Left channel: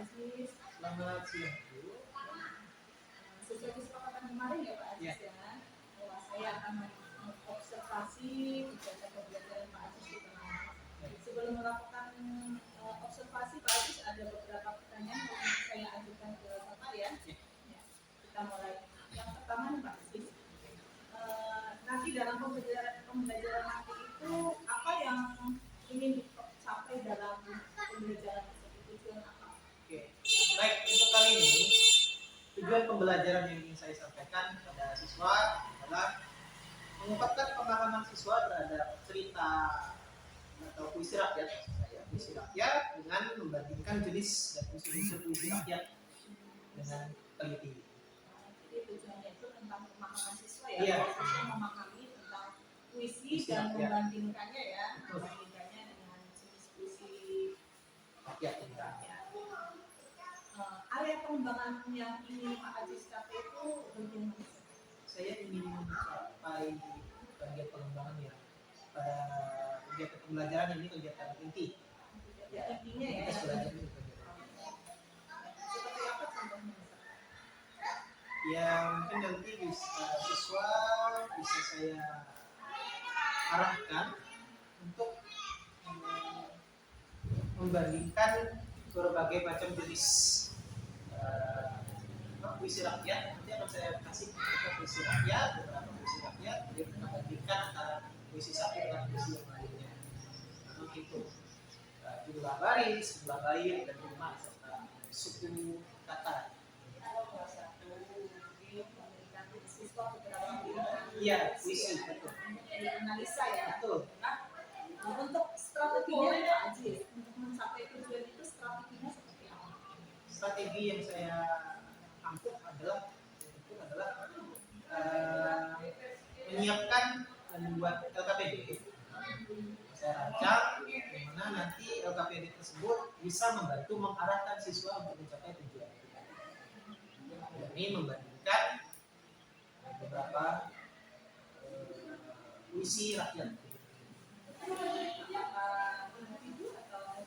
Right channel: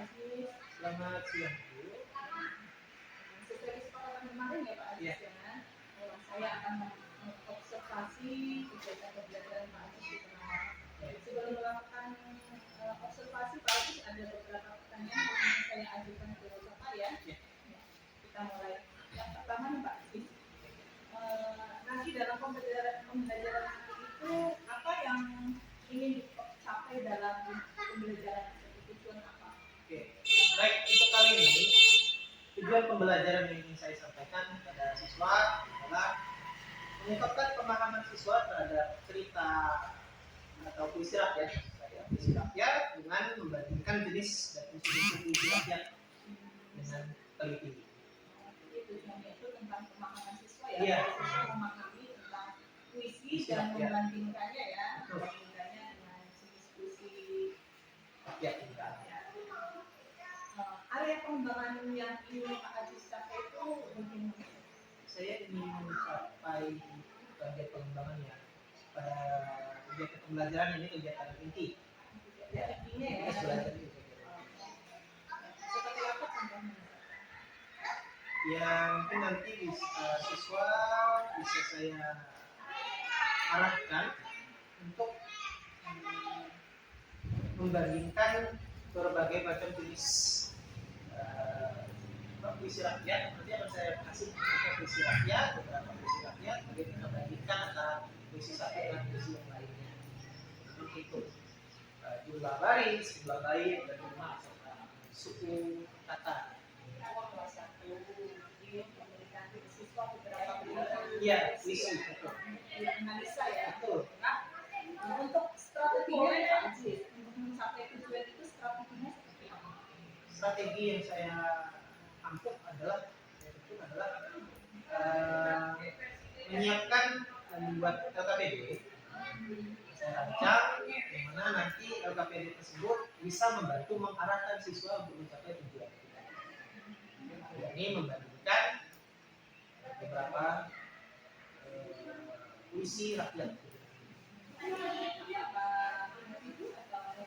Aziz. Selamat siang Bu. Sesuai kesepakatan kemarin ya Pak Aziz ya, bahwa saya akan mengobservasi kegiatan pembelajaran Pak Aziz di tengah. Sebelum melakukan observasi Pak Aziz, ada beberapa pertanyaan yang ingin saya ajukan ke Bapak ya. Kita mulai. Yang pertama nih Pak Aziz, nanti dalam pembelajaran nanti itu apa yang ingin dicapai dalam pembelajaran tersebut, tujuan apa? Oke, baik, untuk kali ini tujuan pembelajaran yang ingin saya sampaikan kepada siswa adalah mengungkapkan pemahaman siswa terhadap cerita atau puisi rakyat, puisi rakyat dengan membandingkan jenis dan unsur-unsur puisi rakyat dengan teliti. Jadi tujuannya itu tentang pemahaman siswa ya, Iya. siswa memahami tentang puisi dan membandingkannya ya, membandingkannya dengan jenis puisi Rakyat. Area pengembangan yang ingin Pak Aziz capai itu bagaimana? Saya ingin mencapai bagian pengembangannya pada kegiatan pembelajaran ini, kegiatan inti. Intinya ya. Kita belajar ini. Seperti apa contohnya? Ya mungkin nanti siswa bisa saya arahkan untuk membandingkan berbagai macam jenis puisi rakyat. Nanti akan saya kasih puisi rakyat, beberapa puisi rakyat, kemudian kita bandingkan antara puisi satu dengan puisi yang lainnya. Menghitung jumlah baris, jumlah bait, dan rumah serta suku kata. Memberikan siswa beberapa pilihan. Iya, puisi betul. Analisa ya. Betul. Nah, untuk strateginya nih Pak Aziz, untuk mencapai tujuan itu strateginya seperti apa? Strategi yang saya ampuh adalah menyiapkan dan membuat LKPD. Saya rancang di mana nanti LKPD tersebut bisa membantu mengarahkan siswa untuk mencapai tujuan. Ini membandingkan beberapa puisi rakyat. Apakah individu atau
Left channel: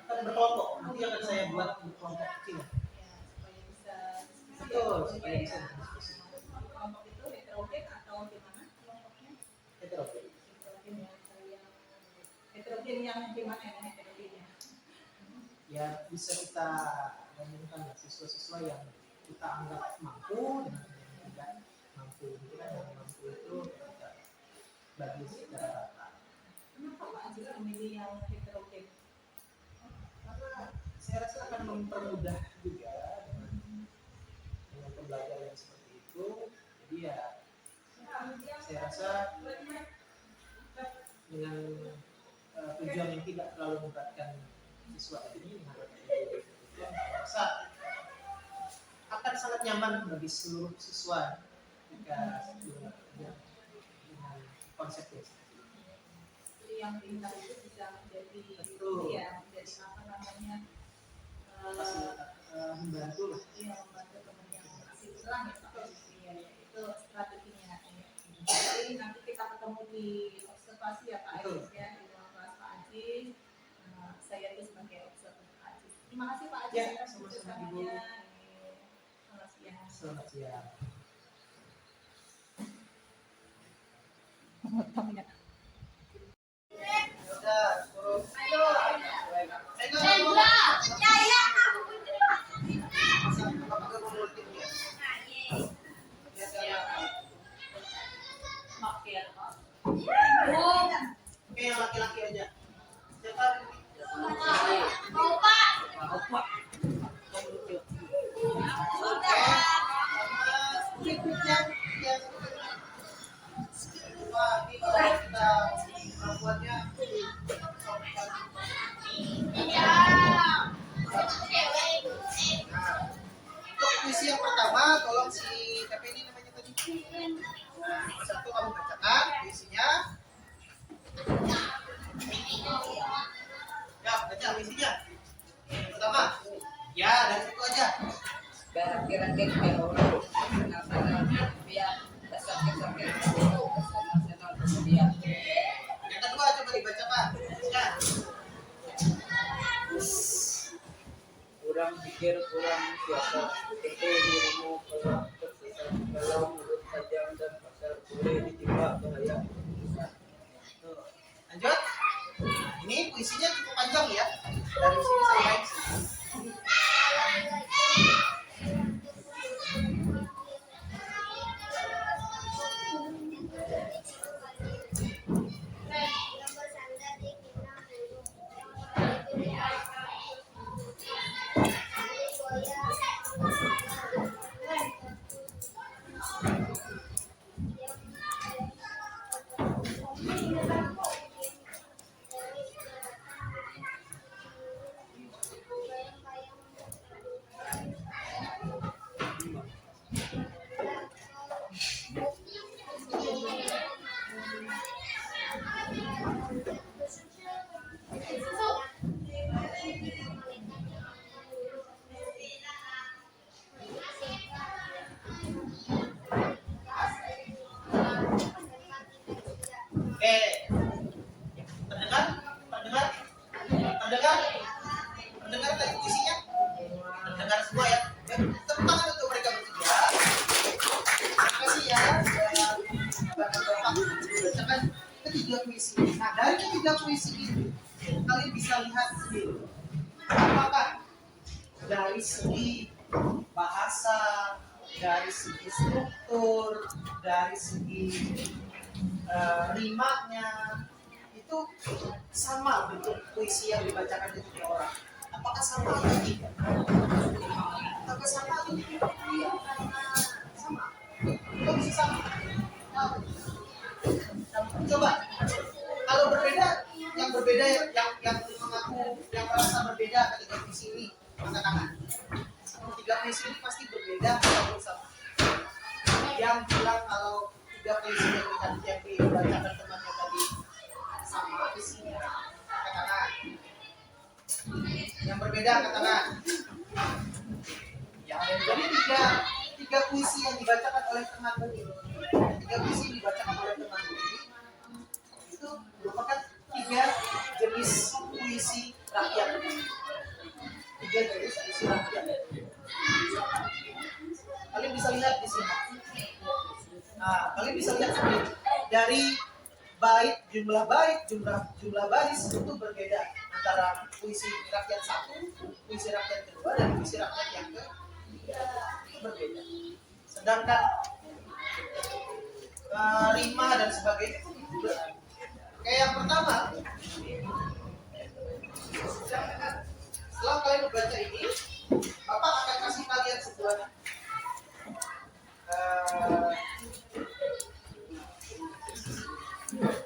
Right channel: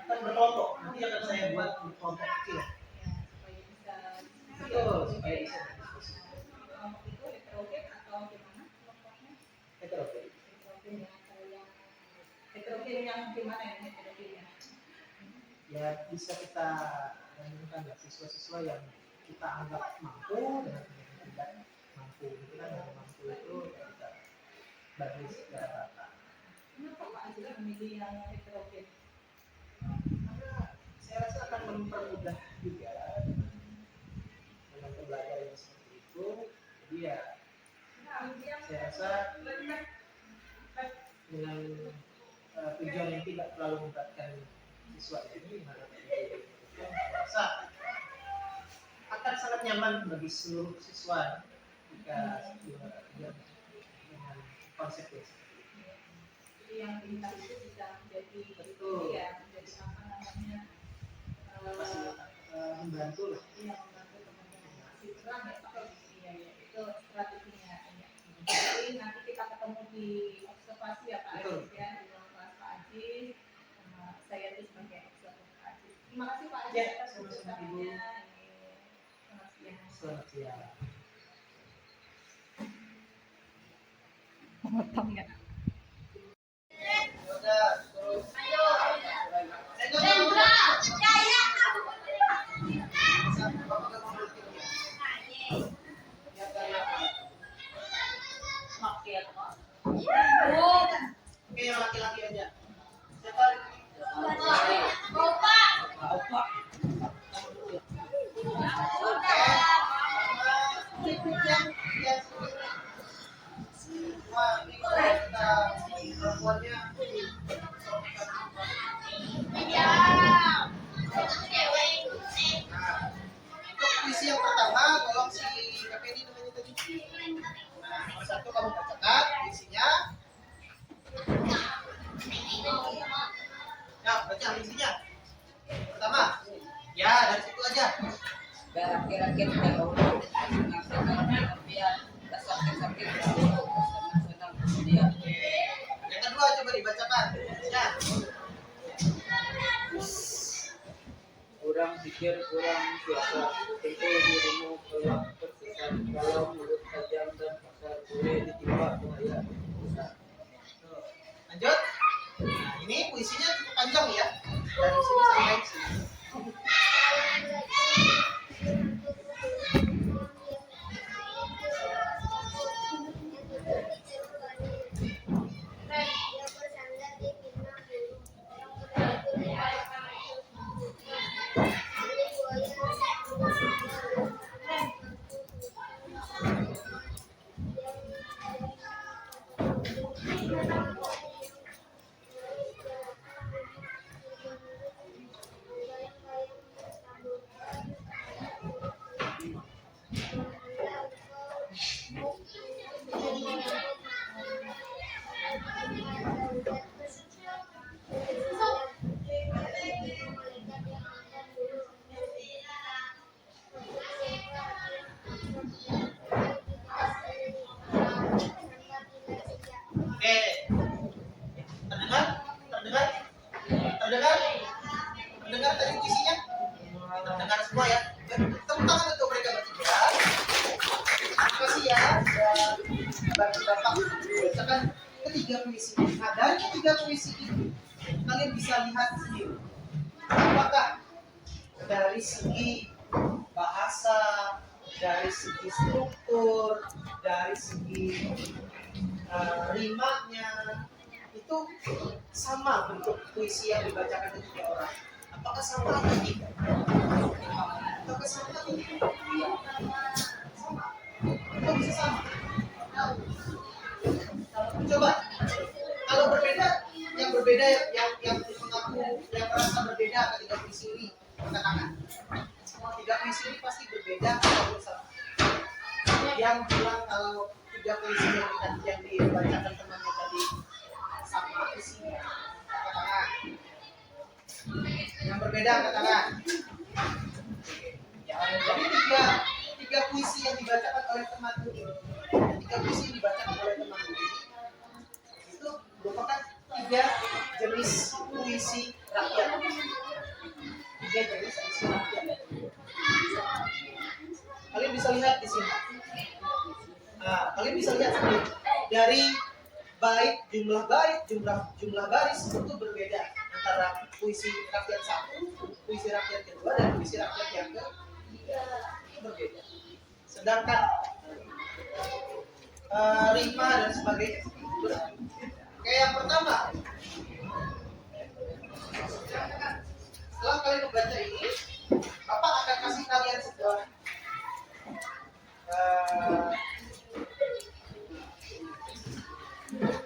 Akan berkelompok. Nanti akan saya buat kelompok kecil. ya, supaya bisa diskusi. Betul, supaya bisa berdiskusi. Kelompok itu heterogen atau gimana kelompoknya? Heterogen. Heterogen ya, kalau yang heterogen yang gimana ya heterogennya? Ya bisa kita bandingkan ya, siswa-siswa yang kita anggap mampu dengan yang tidak mampu. Itu kan yang mampu itu kita bagi secara rata. Kenapa Pak Aziz memilih yang heterogen? Karena saya rasa akan mempermudah juga dengan pembelajaran yang seperti itu. Jadi ya saya rasa dengan tujuan yang tidak terlalu memberatkan siswa ini, saya rasa akan sangat nyaman bagi seluruh siswa jika dengan konsep yang seperti ini. Jadi yang pintar itu bisa menjadi Betul. ya, menjadi apa namanya? Membantu lah. Iya, membantu teman yang masih kurang ya Pak. Iya, ya, itu strateginya. Ya. Jadi nanti kita ketemu di observasi ya Pak Betul. Aziz ya, di ruang kelas Pak Aziz. Saya itu sebagai observer Pak Aziz. Terima kasih Pak Aziz Ya, atas sama-sama, kerjasamanya. Selamat siang. Selamat siang. Potong ya. Udah, terus. Ayo. Oke, yang laki-laki aja. Siapa? Opa. Wah, ini kalau kita perempuannya untuk puisi yang pertama, tolong si siapa ini namanya tadi? Nah, nomor satu kamu bacakan puisinya. Ya, baca puisinya. Pertama, ya dari situ aja. Kira-kira terlalu nasionalnya biar sakit-sakit dulu nasional kemudian. Yang kedua coba dibacakan. Ya. tolak tersesat, kalau mulut tajam dan kasar boleh ditimpa bahaya. Tuh. Lanjut. Nah, ini puisinya cukup panjang ya. Dari sini sampai sini. Oke. Terdengar? Terdengar? Terdengar? Terdengar tadi puisinya? Terdengar semua ya? Tepuk tangan untuk mereka bertiga. Terima kasih ya sudah bantu Bapak membacakan ketiga puisi. Nah, dari ketiga puisi ini kalian bisa lihat sendiri apakah dari segi bahasa, dari segi struktur, dari segi rimanya itu sama bentuk puisi yang dibacakan ketiga orang. Apakah sama atau tidak? Apakah sama atau tidak? Iya, sama. Kok bisa sama? Coba, kalau berbeda, yang berbeda yang mengaku yang merasa berbeda ketika puisi ini, angkat tangan. Tiga puisi ini pasti berbeda atau sama. Yang bilang kalau tiga puisi yang dibacakan temannya tadi sama isinya, angkat tangan. Yang berbeda angkat tangan. Ya, jadi tiga puisi yang dibacakan oleh temanmu ini, tiga puisi yang dibacakan oleh temanmu ini itu merupakan tiga jenis puisi rakyat. Tiga jenis puisi rakyat. Kalian bisa lihat di sini. Nah, kalian bisa lihat sendiri dari jumlah baris itu berbeda antara puisi rakyat satu, puisi rakyat kedua, dan puisi rakyat yang ketiga berbeda. Sedangkan rima dan sebagainya itu berbeda. Kayak yang pertama, setelah kalian membaca ini, Bapak akan kasih kalian sebuah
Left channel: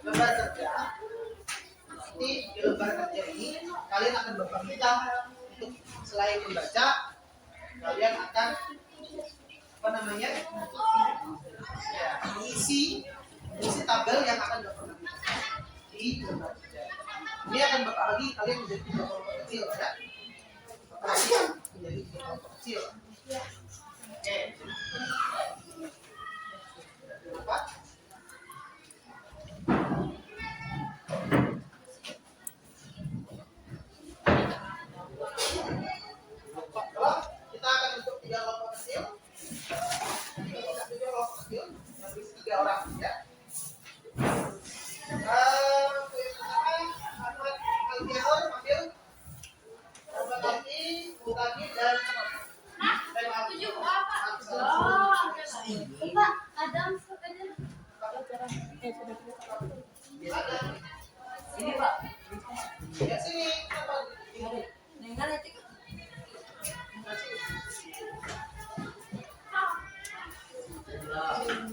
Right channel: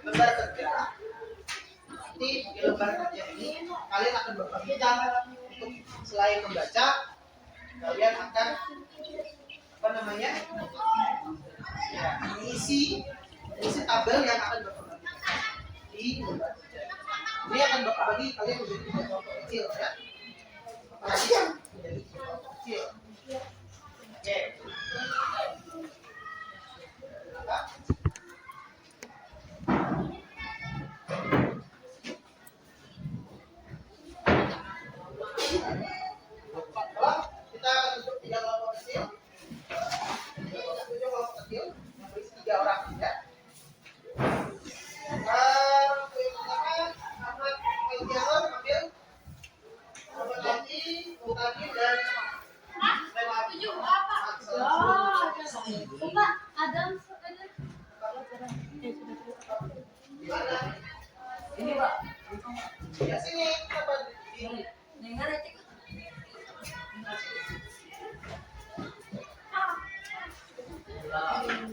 lembar kerja. Nanti di lembar kerja ini kalian akan Bapak minta untuk selain membaca, kalian akan ya, mengisi tabel yang akan Bapak bagi di lembar kerja. Ini akan Bapak bagi kalian menjadi tiga kelompok kecil ya. Bapak bagi menjadi tiga kelompok kecil. Oke. Apa? Kita akan bentuk tiga kelompok kecil. Tiga kelompok kecil yang berisi 3 orang ya. Yang pertama Ahmad Al-Jahor ambil Ahmad lagi, Mutaki dan Tujuh apa? Pak, Adam sepeda. Ada. Ini Pak. Ya sini apa? Yang mana cek?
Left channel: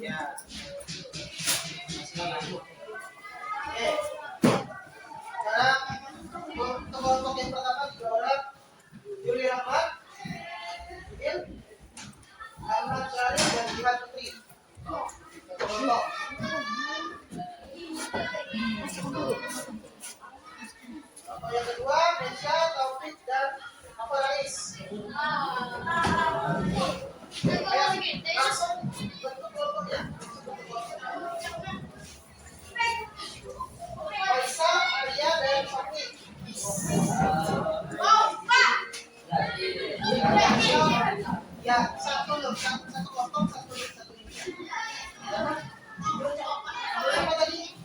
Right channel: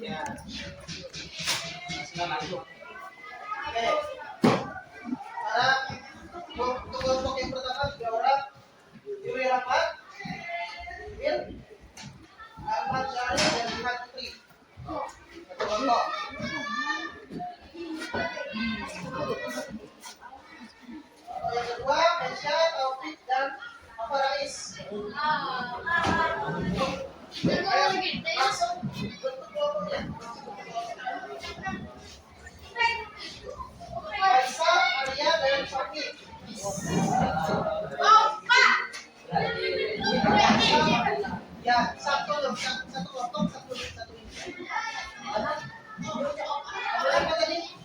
Ya. Lanjut. Oke. Sekarang untuk kelompok yang pertama 3 orang. Yuli Rahmat, Bil, Ahmad Syarif dan Jihan Putri. Satu kelompok. Kelompok yang kedua Mesya, Taufik dan Apa Rais. Ayo, langsung bentuk kelompoknya. Faisal, Arya dan Fakih. Ya, satu dulu, satu kelompok, satu ini. Apa tadi?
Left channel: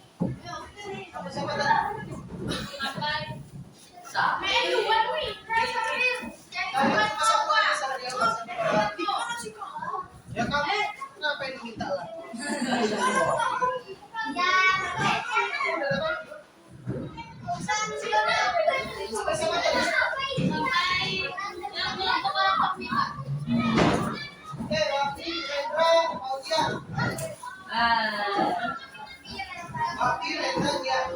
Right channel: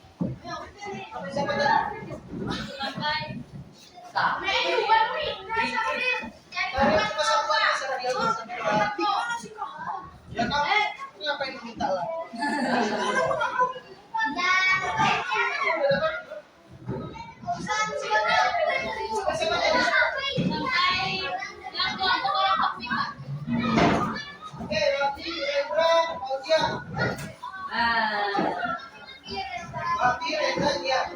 Siapa tadi? Ya kamu ngapain minta lah? Siapa jadi? Oke, Raffi, Rendra, Audia. Raffi, Rendra, dia.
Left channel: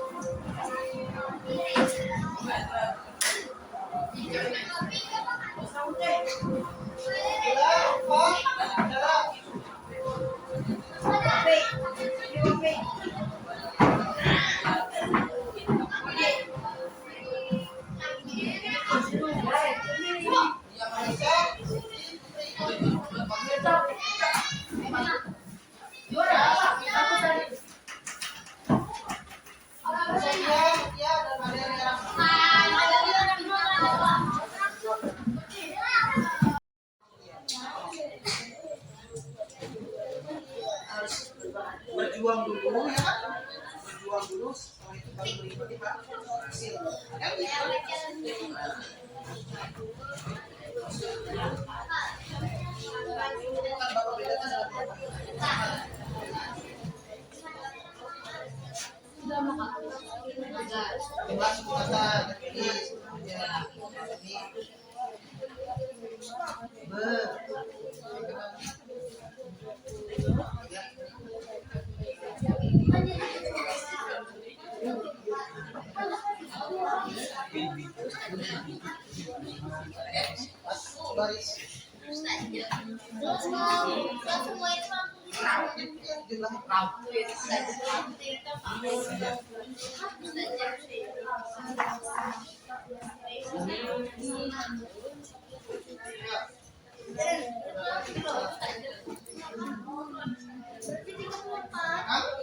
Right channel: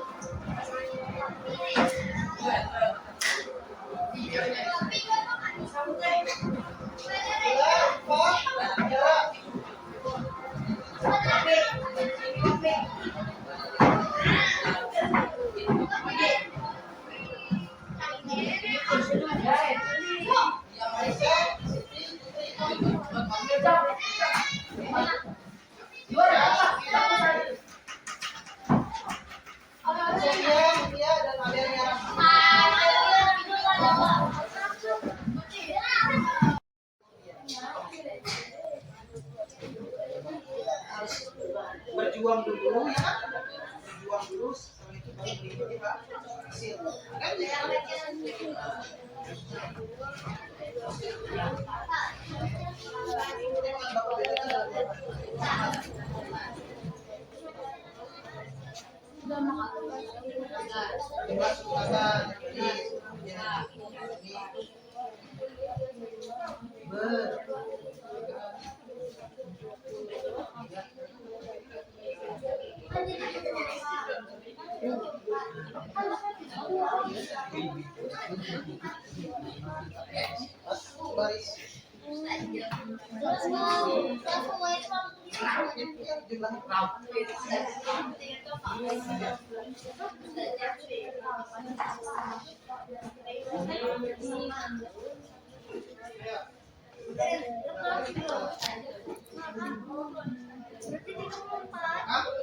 Berjuang dulu ya kan? Berjuang dulu, setelah itu baru berikut ya hasil kan ya? Kan Bapak bedakan dalam jumlah suku kata jadi baris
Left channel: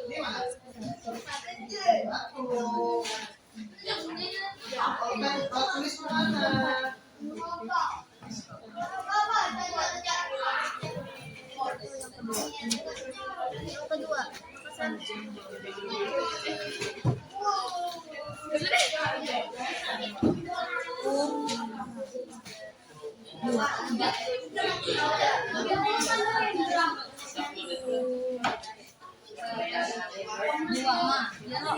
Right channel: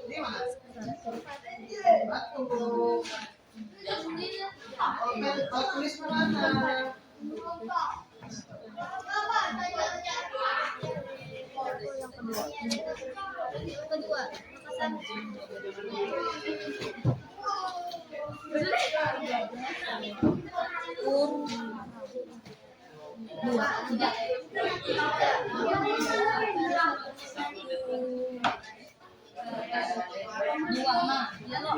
ini mana? Tulis mana? Kedua, dua, tiga. Dua mah, ya lo.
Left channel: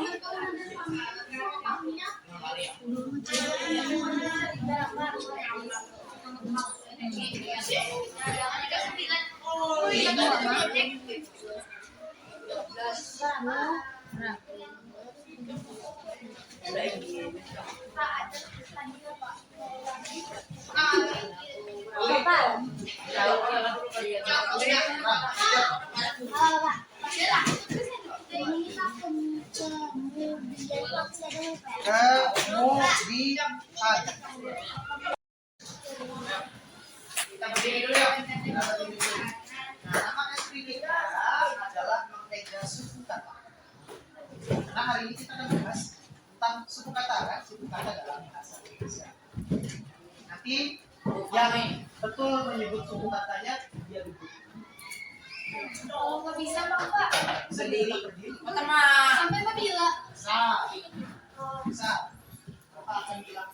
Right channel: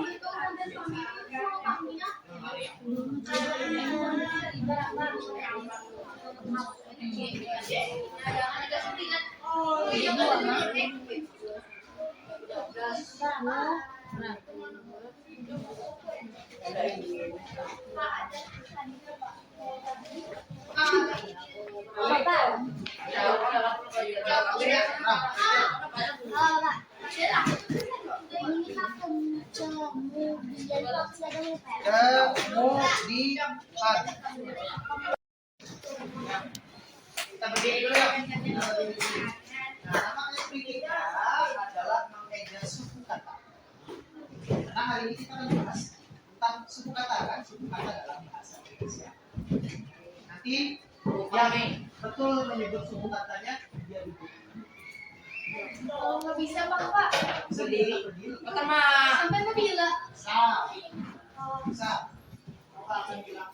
Dua mah. Kemudian kita berdiri dulu ya. Nama SP kita adalah mengeja suku kata. Karena hari ini kita akan bahas tentang suku kata kan, suku kata dalam bahasa Indonesia. Nanti yang betul menyebut suku katanya dia duduk. Kalau nggak bisa Pak. Berdiri. Sampai nggak bila. Bisa. Bapak akan bilang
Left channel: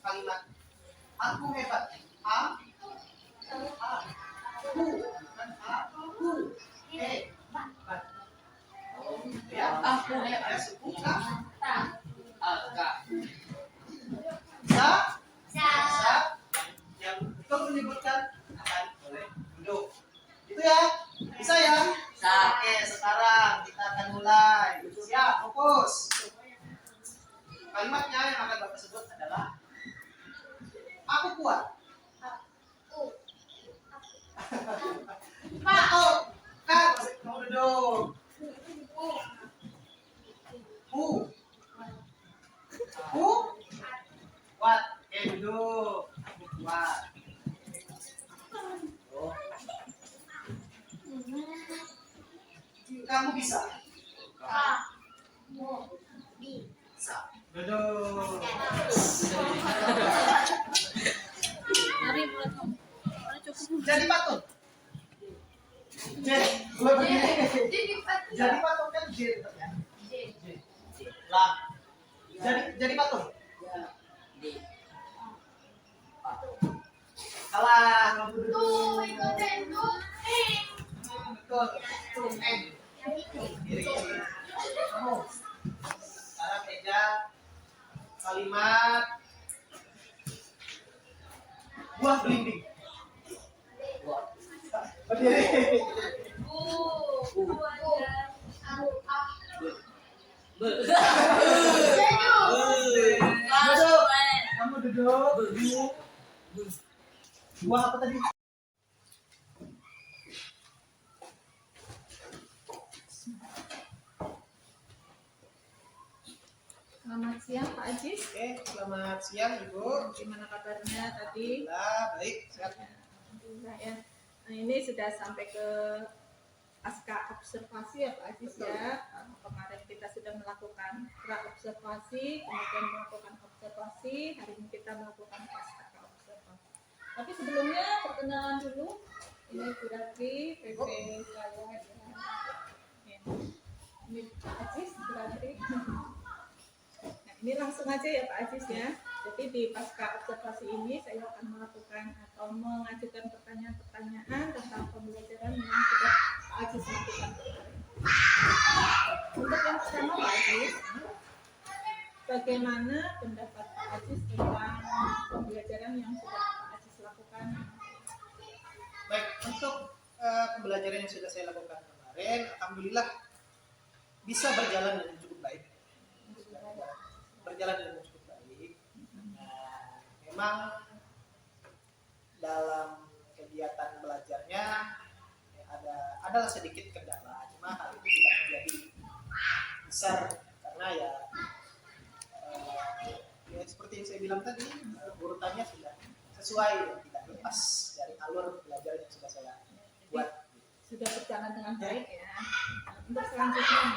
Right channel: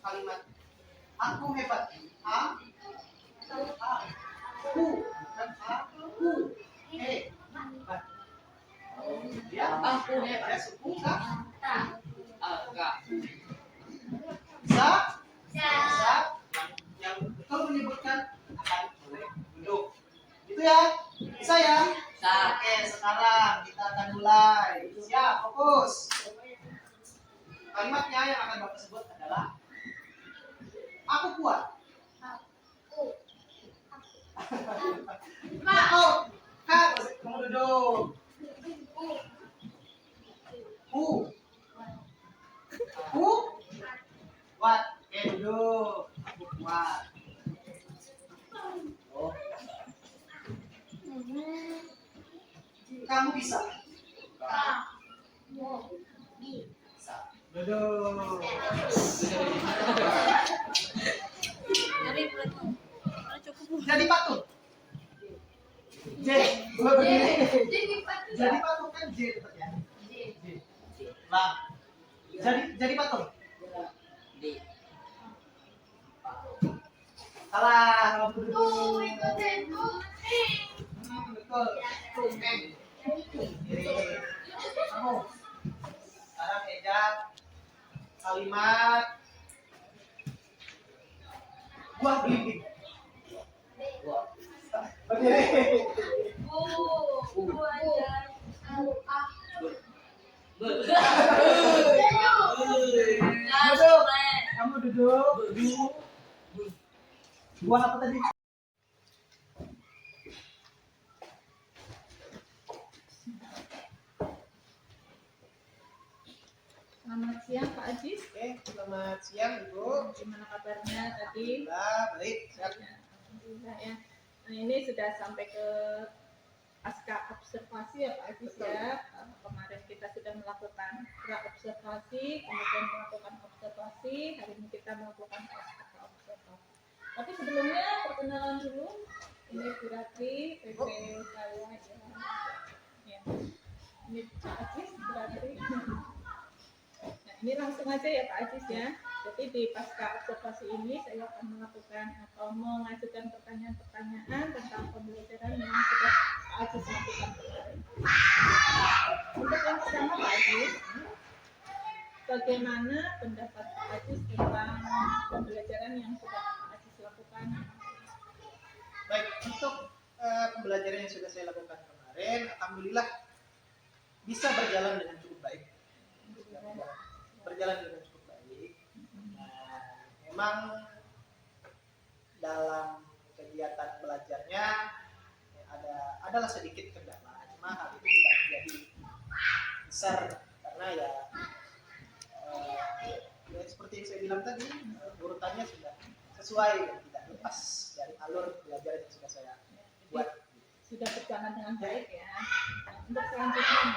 kalimat aku hebat. Aku bukan aku hebat. Ya, aku hebat. Ya, suku kata. Bisa. Yang betul menyebutkan akan boleh duduk. Itu ya. Bisa ya? Oke, sekarang kita akan mulai. Siap, fokus. Kalimatnya yang akan Bapak sebut adalah aku kuat. Kak, kamu duduk. Kuat. Oke, duduk. Aku kuat. Kamu bisa. Bisa. Duduk. Jadi patut. Mulai berdiri. Jadi Jadi patung kan J tetap ya. J. Lah. Jadi patung. D. Salah. Kamu tuh duduk. ikutin tuh. Betul. Tung N. Kiri. Kamu. Sekarang Eja. Kalimat. Buah belimbing. Berdiri. Duduk. Kamu duduk. Buah apa tadi? Selamat siang Pak Ajis. Oke, selamat siang Ibu. Gimana kabarnya tadi? Alhamdulillah, baik. Sehat. Alhamdulillah ya. Nah, ini sudah sampai ke pasca observasi ya Pak Ajis ya. Kemarin kita sudah melakukan pra observasi, kemudian melakukan observasi, hari ini kita melakukan pasca observasi. Tapi sebelumnya perkenalan dulu. Ini Bu Ratri, PP saya ya. Ini Pak Ajis, Bu Ratri. Nah, ini langsung aja ya Pak Ajis ya. Jadi di pasca observasi ini saya akan melakukan atau mengajukan pertanyaan-pertanyaan tentang pembelajaran yang sudah Pak Ajis lakukan kemarin. Untuk yang pertama Pak Ajis, bagaimana pendapat Pak Ajis tentang pembelajaran yang sudah Pak Ajis lakukan? Baik, untuk pembelajaran yang sudah saya lakukan kemarin, alhamdulillah bisa berjalan dengan cukup baik. Berjalan dengan cukup baik. Nah, memang dalam kegiatan belajarnya adalah sedikit kendala, cuma hal itu tidak menjadi besar karena ya seperti yang saya bilang tadi, urutannya sudah sesuai dan tidak lepas dari alur belajar yang sudah saya buat. Sudah berjalan dengan baik ya. Nah, untuk selanjutnya,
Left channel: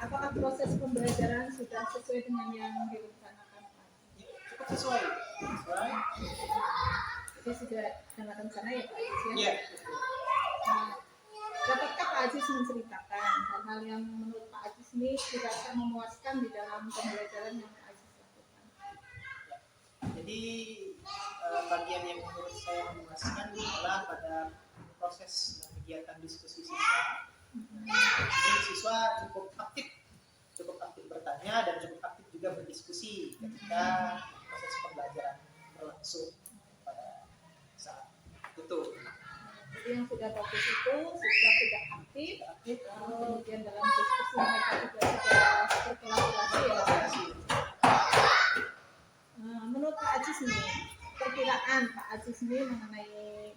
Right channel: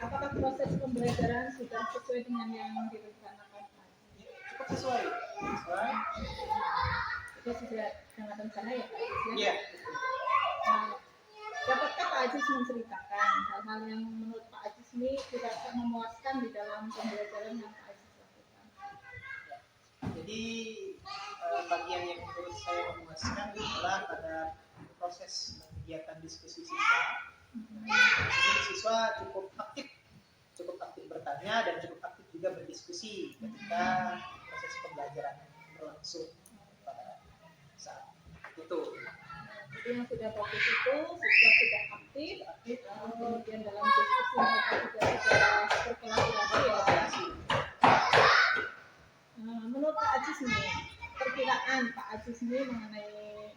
apakah proses pembelajaran sudah sesuai dengan yang direncanakan? Cukup sesuai. Jadi sudah dengan rencana ya Pak Ajis ya? Iya. Nah, dapatkah Pak Ajis menceritakan hal-hal yang menurut Pak Ajis ini dirasa memuaskan di dalam pembelajaran yang Pak Ajis lakukan? Jadi bagian yang menurut saya memuaskan adalah pada proses kegiatan diskusi siswa. Jadi siswa cukup aktif bertanya dan cukup aktif juga berdiskusi ketika proses pembelajaran berlangsung pada saat itu. Jadi yang sudah bagus itu siswa sudah aktif, kemudian dalam diskusi mereka juga sudah berkolaborasi ya. Menurut Pak Ajis nih, perkiraan Pak Ajis nih mengenai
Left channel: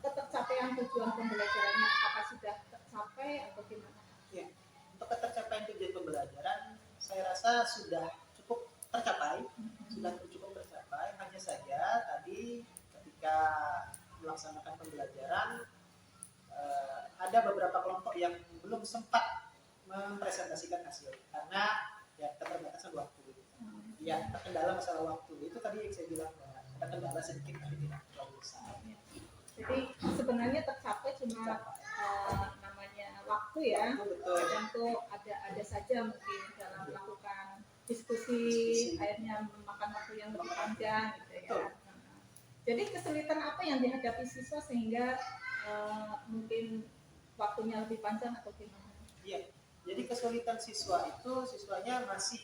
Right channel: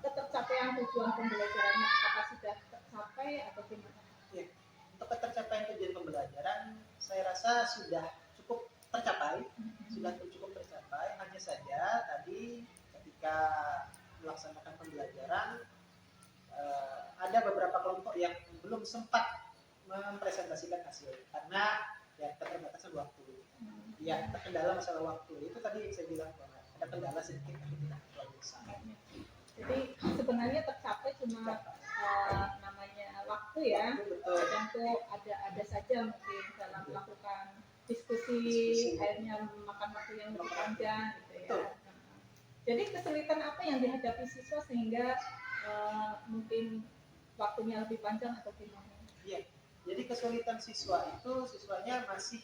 ketercapaian tujuan pembelajarannya, apakah sudah tercapai atau gimana? Ya, untuk ketercapaian tujuan pembelajaran, saya rasa sudah cukup tercapai, Hanya saja tadi ketika melaksanakan pembelajaran, ada beberapa kelompok yang belum sempat mempresentasikan hasil karena ya keterbatasan waktu. Ya, terkendala masalah waktu. Itu tadi yang saya bilang bahwa ada kendala sedikit tapi tidak terlalu besar. Jadi sebenarnya tercapai cuma namanya waktu ya. Betul. Kadang tuh ada saja mungkin dalam melakukan diskusi. Akhirnya memakan waktu yang lebih panjang gitu ya. Betul. Jadi kesulitan apa yang dihadapi siswa sehingga mungkin waktunya lebih panjang atau gimana? Iya. Jadi kesulitan siswanya masih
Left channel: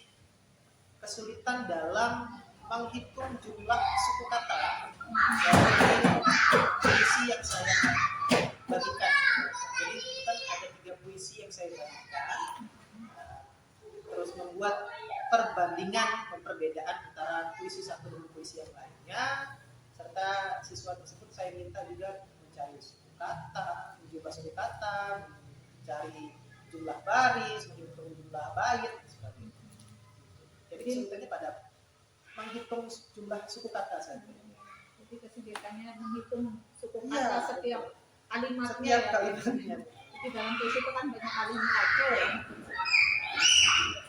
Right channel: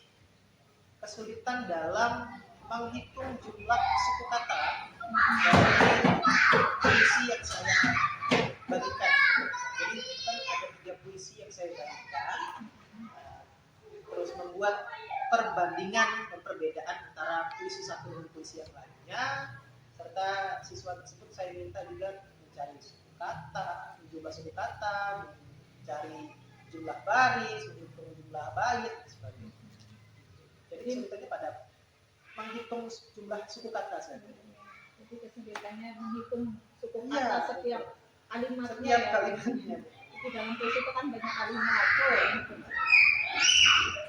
kesulitan dalam menghitung jumlah suku kata dari puisi yang saya bagikan. Jadi kan ada 3 puisi yang saya bagikan, terus membuat perbedaan antara puisi satu dan puisi yang lainnya, serta siswa tersebut saya minta juga mencari suku kata, menjumlah suku kata, mencari jumlah baris, menghitung jumlah bait, sebagainya. Jadi kesulitannya pada menghitung jumlah suku kata saja. Jadi kesulitannya menghitung suku kata setiap kalimatnya ya. Kalimatnya. Di dalam puisi itu kan banyak kalimat tuh.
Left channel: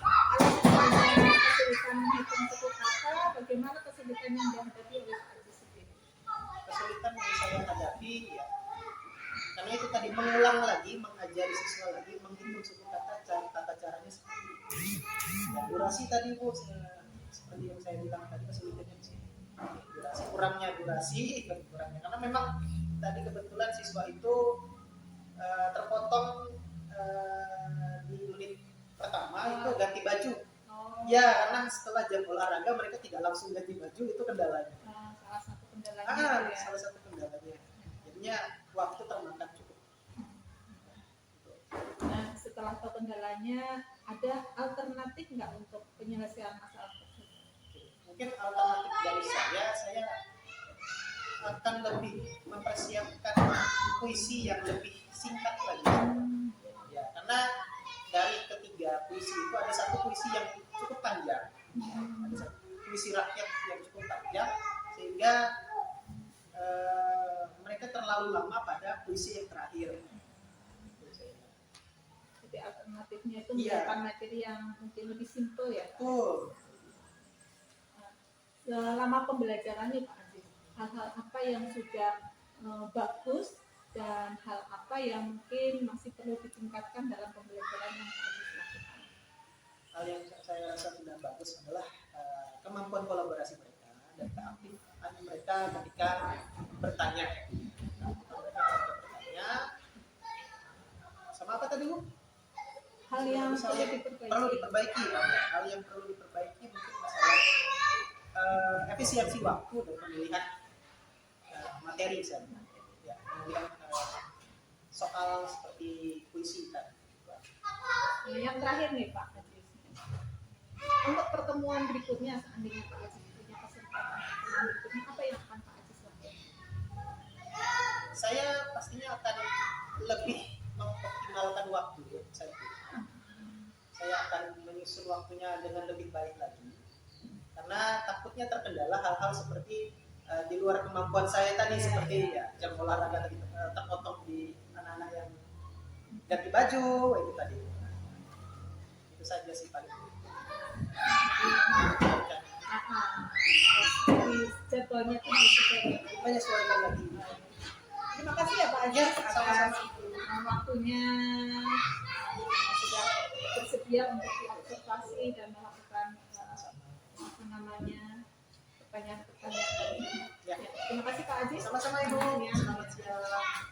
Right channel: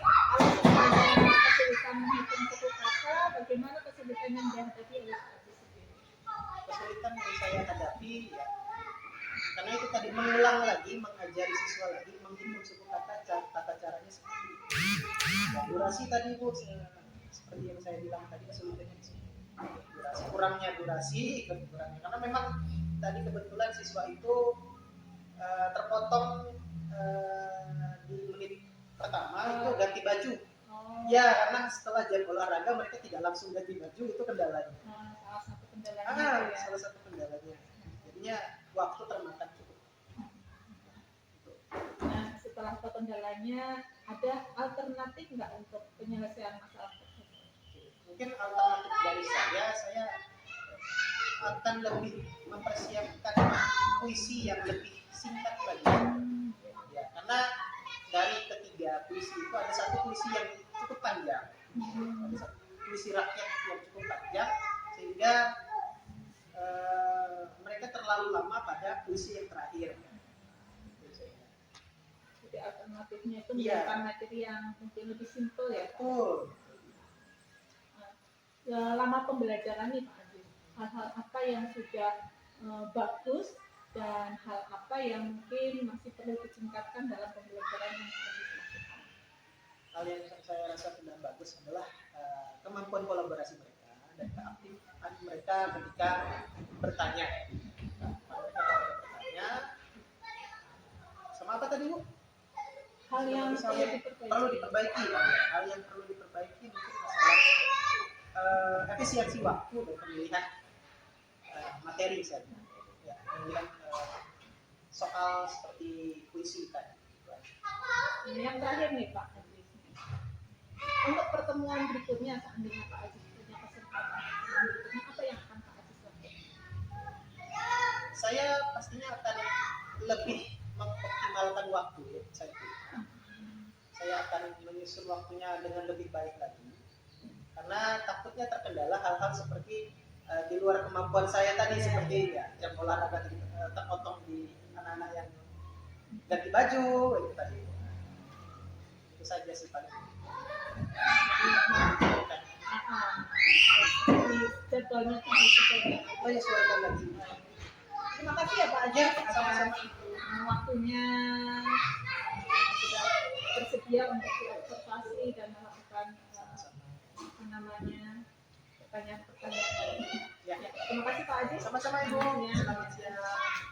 Kalau misalnya kesulitan menghitung suku kata, bagaimana kesulitan yang dihadapi oleh Pak Ajis sendiri? Kesulitan yang saya hadapi ya, karena itu tadi mengulang lagi, mengajari siswa lagi, menghitung suku kata, tata caranya seperti itu. Dan durasi tadi Bu, seperti yang saya bilang tadi kesulitannya di sini. Durasi, kurangnya karena memang tadi kebetulan siswa itu terpotong di menit pertama itu ganti baju. Oh, Ya, karena setelah jam olahraga mereka tidak langsung ganti baju, itu kendalanya. salah satu kendalanya itu ya. Salah satu kendalanya. Jadinya waktu termakan cukup. Nah, setelah tahu kendalanya, ada alternatif nggak untuk penyelesaian masalah tersebut? Mungkin alternatif dari saya akan lebih mempersiapkan puisi yang lebih singkat lagi. Ya, karena dari ketiga puisi itu ada satu puisi yang cukup panjang, ada satu puisi rakyat yang cukup panjang, sehingga mereka terlalu lama pada puisi yang terakhir. Jadi alternatifnya itu Iya. menggunakan materi yang mungkin lebih simpel ya. Betul. Selama pembelajaran nih Pak Aziz, hal-hal apa yang sudah bagus dan hal apa yang mungkin masih perlu ditingkatkan dalam pembelajaran yang Pak Aziz lakukan? Hal yang saya rasa tidak bagus adalah kemampuan kolaborasi mereka dan keaktifan mereka ketika bertanya. Sama apa tadi Bu? Hal yang perlu Misalnya, diperbaiki. perlu diperbaiki. Hal yang perlu diperbaiki mungkin masalah efisiensi waktu dan pemilihan materi misalnya. Ya, pemilihan soal seperti puisi kan. Yang terakhir nih Pak Aziz, untuk pertemuan berikutnya seandainya Pak Aziz punya kesempatan pertemuan berikutnya, apa yang akan Pak Aziz lakukan? Saya pastinya akan lebih mengoptimalkan waktu ya, saya akan menyusun waktunya dengan lebih baik lagi, karena takutnya terkendala hal-hal seperti di luar kemampuan saya tadi, seperti ya jam olahraga tadi terpotong di anak-anak yang ganti baju itu tadi. Itu saja sih paling. Jadi jadwalnya itu disesuaikan. Menyesuaikan lagi. Terima kasih ya Pak Aziz Ya, atas sama-sama. waktunya, sudah bersedia untuk diobservasi dan melakukan apa namanya pertanyaan-pertanyaan. Ya. Ya, terima kasih Pak Aziz. Sama-sama Ibu. Ya. Selamat siang.